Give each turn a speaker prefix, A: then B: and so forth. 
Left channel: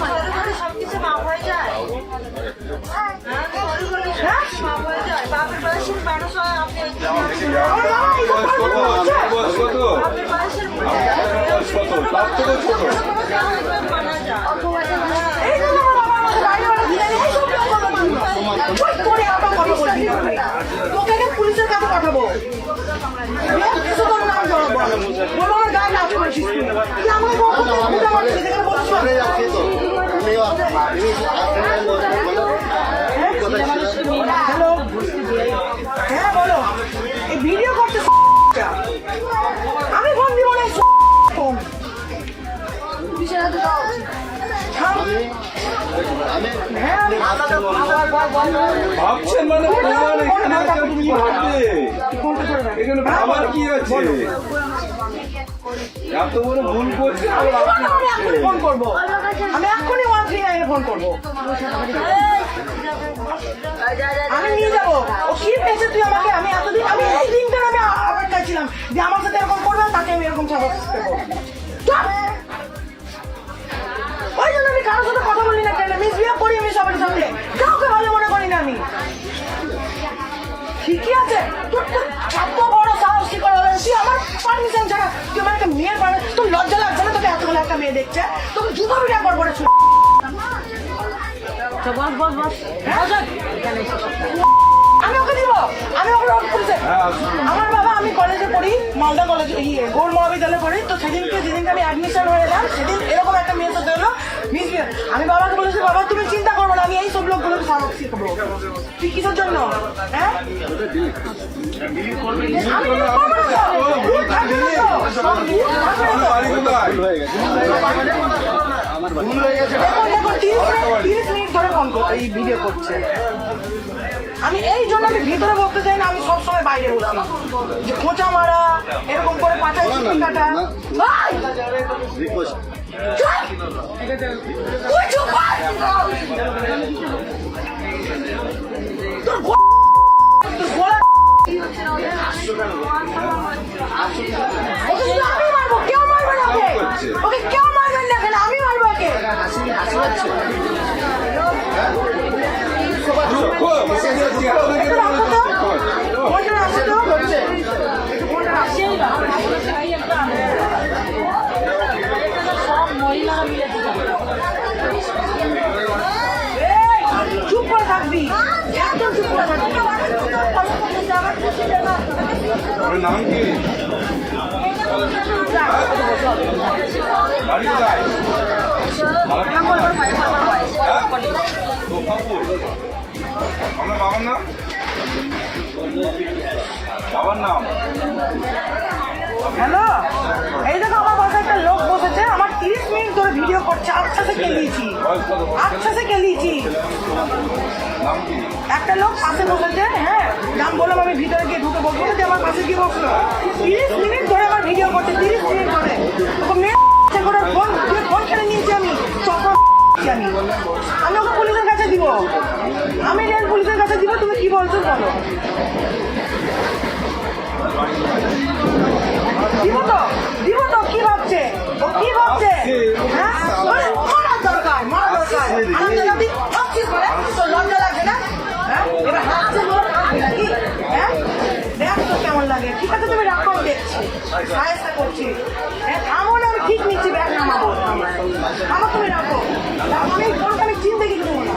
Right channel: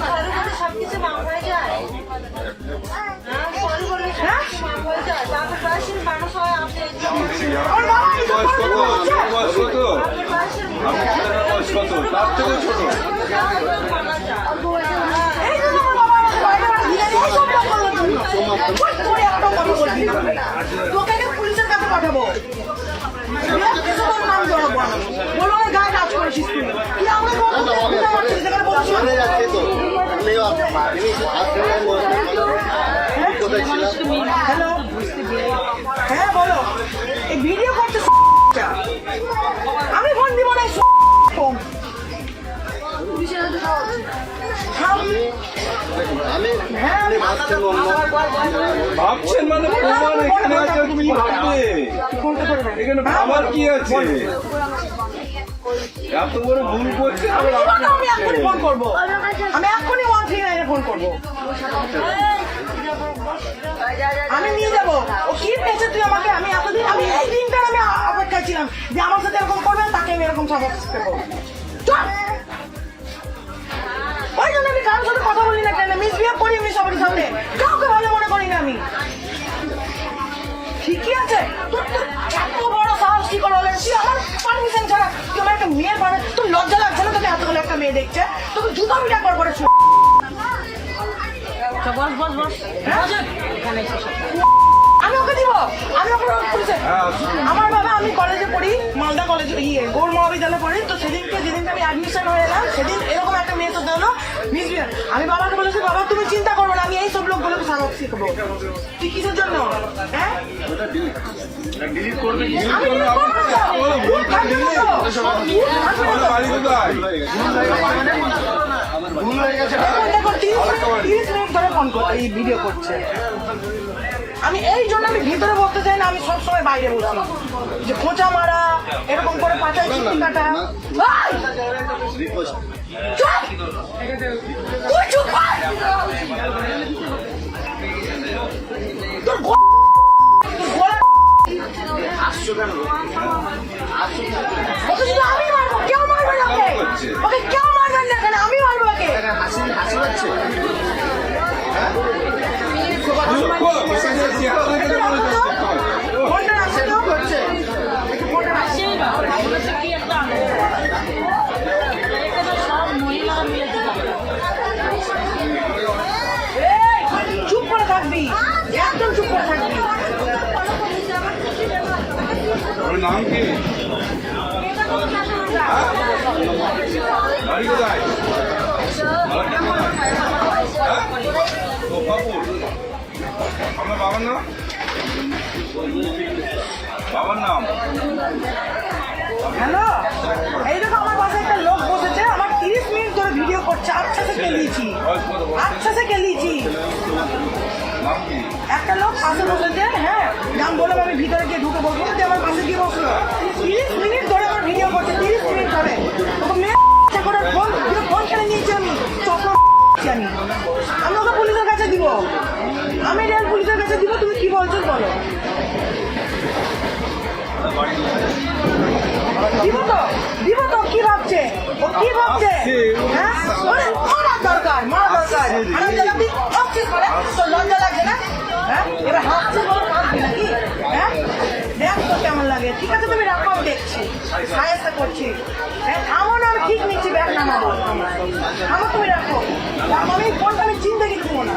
A: খারাপ
B: সবকিছু হয়ে যায়
A: হ্যাঁ
B: হয়
C: কত তার থেকে ছোট
A: হ্যালো। হ্যাঁ বলো। এই ভিডিও করতে আমি ফোন দিব না ফোন। থাম। হ্যাঁ আমি
C: ভাবছেন মানে প্রমাণ এখানে আছে কি ভাববে।
A: ফোনটা করে দেখ।
C: এখানে ভাবার কি আছে? এত বড় ভুল করছে আবার
A: এই জন্য আমি এক্ষুনি ফোন করব। আমি এক্ষুনি ওয়ান থ্রি নাইনে ফোন করব। আমি নিয়ে যাব। ও কি পেয়েছে তুই আমাকে? আমি এতদিন আমি এই দিনটার আমি আ- ছিলাম যে আমার সাথে এরকম করবে তাকে আমি এরকম দেবো। ওই জন্য আমি কারোর সাথে কথা বলি না কেন? মিসবিহেভ করি আমি সবার সাথে। কাউকে ভালো মনে করি না আমি। ঠিকই আছে। তোর তো কি করে হবে তুই আমার পারমিশন ছাড়া। তুই আমার একটা মেয়ের পারে তোর লজ্জা লাগছে না তোকে এতগুলো একটা মেয়ে দেখছে তোকে জুতো বিটা পর করে ছু বস বস বস। আমি ওকে দিব। আমি ওকে আমার বাবা আমি কলেজে পড়ি মালদা কলেজে ইয়ে গৌর মহাবিদ্যালয়ে পড়ি। তো সেদিনকে যেদিনকে আমি অ্যাডমিশন হয়ে এলাম সেদিন এরকম একটা মেয়ে তো হলো মিসবিহেভ আমি বাবাকে বলেছি বাবা তুমি চিন্তা করব না আমি এই সব লোকগুলোকে সাহস শিখব তুই কিসের জন্য? হ্যাঁ? তিরিশ মিনিট ধরে ফোন করতে এই ভিডিও করছে। আমি এই জন্য আমি ভিতরে বলতে চাই না আমি সবসময় বাইরে বসি। যে খোঁচা মারা এরকম করে পাঠাই চিঠি কাটা। মারবো কেউ মারবে না ওকে। ওকে কেউ মারবেন না কেন আমি মারবো ওকে।
C: নাম কি বাড়ি কোথায়? আপনার বাবার নাম? বাবার নাম?
A: হ্যালো? এই দেখো আমার বাসায় একটা লোক বসেছে আমার তিরিশ মিনিট ধরে ভিডিও করছে আচ্ছা সে কেলিয়েছি আচ্ছা সে কেলিয়েছি একটা লোক পাশে বসেছে হ্যাঁ নাম বললাম আমি ভিতরে গিয়ে ঢুকে বসবো যে আমার পাশে গিয়ে বসল। তিরিশ মিনিট ধরে আমার ভিডিও করছে তিরিশ মিনিট ধরে। ওকে মেয়ে করে ফোন ফোন কেড়ে নিয়েছি আমি চশমা আমি ওকে পুলিশের দিব আমি রেল পুলিশের কাছে দিব, তুমি কি বলছো বলো। দিব তো দিব তো, কি ভাবছে? ও কি ভাবছে? হ্যাঁ? হ্যাঁ? নাকি? হ্যাঁ? তো কেমন লাগে। ঠিক আছে, তুমি আমি দেখছি। করছি। হ্যাঁ না, আমি ঠিক নিচ্ছি, ব্যাগ নামাবো। থামো, তুমি রাখো। আমি আমি চিনতে না।